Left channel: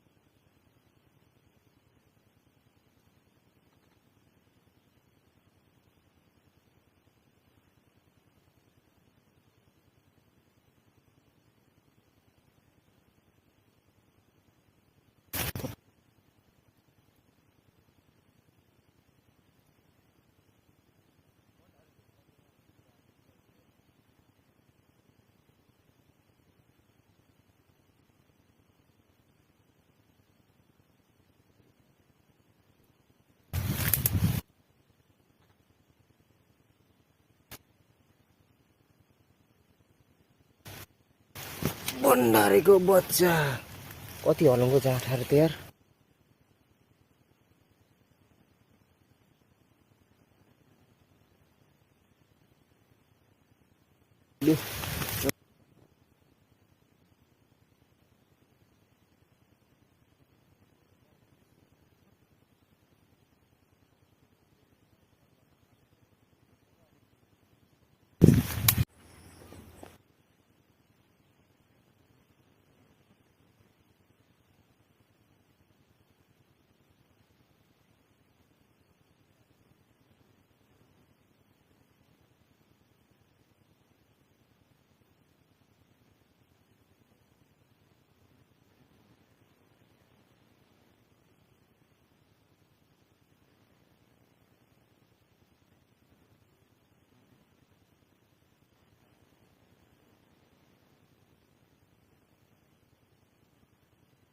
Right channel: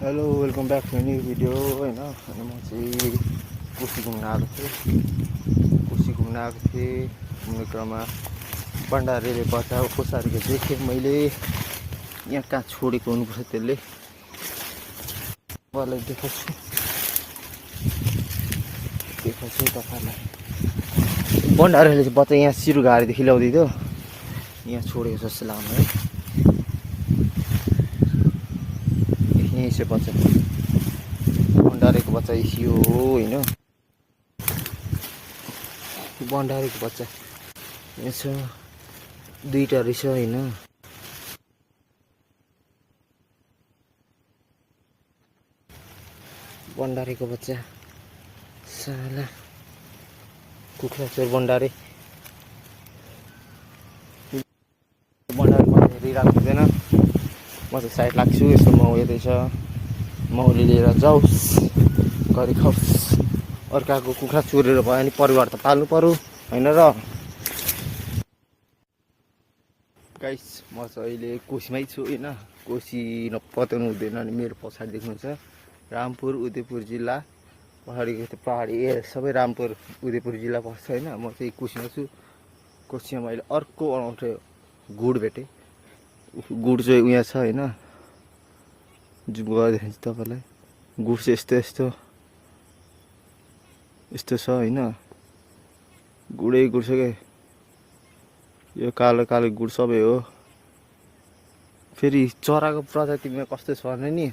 Hello welcome back to new video होइन। अनि म चाहिँ कोसी घुम्न आएको थिएँ। घुम्ने क्रममा भण्डारीले बचाएको कोसारीको देखेँ मैले। यहाँ कहाँ छोडेको हुनुपर्छ त्यसले, तपाईँहरूलाई देखाउँछु तपाईँहरूलाई। भण्डारीले चाहिँ बच्चा यहाँ सिरुघारीदेखि ल्याउँदै थियो, यहाँ छोडेको जस्तो लाग्यो है। यहीँ चाहिँ बच्चा भण्डारीको बच्चा यो हो होइन। भण्डारीको बच्चा यहाँ छ, दुईवटा रहेछ होइन। भण्डारीको बच्चा कति हलुङको जाँठाहरू त यार। भण्डारीको बच्चा साला कुखुरा चोर भण्डारी। यो भण्डारी बच्चा हेरिरहेको हुँदैन। म चाहिँ साइड लाग्छु। यस्तो माउ हेर्दैछ, माउले लिएर जाओस् गरी खाओस्। अर्काको कुखुरा चोरेर भयो भने परिवार त पाल्नु पर्यो होइन र। गाइस म चाहिँ अहिले कोसीमै छु होइन। कोसी नपत्याउनु हुँदैन। अनि मेरो पछाडि देख्नुहुन्छ रामपुर उदयपुर जिल्ला पहाडीको त्यो पहाडी सबै रामपुर उदयपुर जिल्ला पर्छ होइन। म चाहिँ कोसीमा छु। कोसीमा मैले अर्को अनौठो गुड भेटेँ। गुड चाहिँ उहाँ छ होइन, जुम गरेर देखाउँछु तपाईँलाई। गुड चाहिँ यस्तो छ होइन। गुडै गुड छ क्या। यो कालो कालो गुड सबै हो। फेरि चराको प्रजातिमा कस्तो छ भने नि,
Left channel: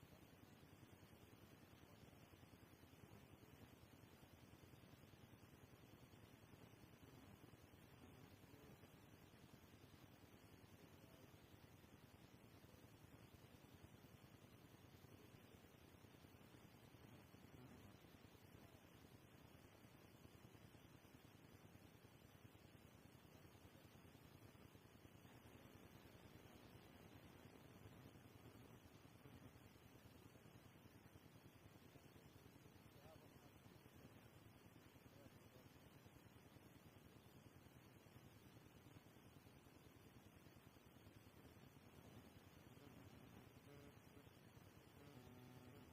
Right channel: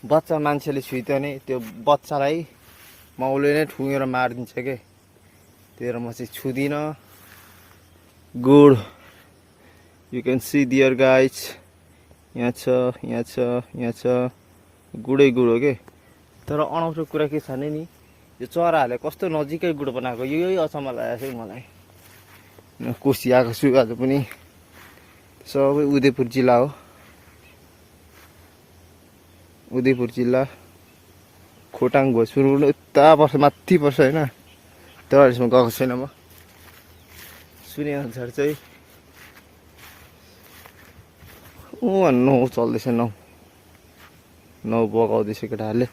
बच्चा मान्छेले छुइत्यो भने त्यो बच्चालाई माउले नै ठुँगेर मारिदिन्छ क्या। त्यही भएर म चाहिँ छुदिनँ। Good you can see dear guys, यहाँ छ यहाँ छ यहाँ छ। गुडै गुड हो कि। तर अनौठो कुरा के छ भने नि, यो चराहरूले कस्तो नजिकै गुड बनाएको, यही अचम्म लागेको छ मलाई। कोसी आएको छु आज पनि। सबै उदयपुर जिल्ला हो, उदयपुर जिल्ला खोटाङ भोजपुर उता पर्छ, माथि पर्छ होइन। तर यसमा गएको छैन म। सुने अनुसार चाहिँ नौ चल्दैछ, नौ बगाउँदैछ केटाहरूले।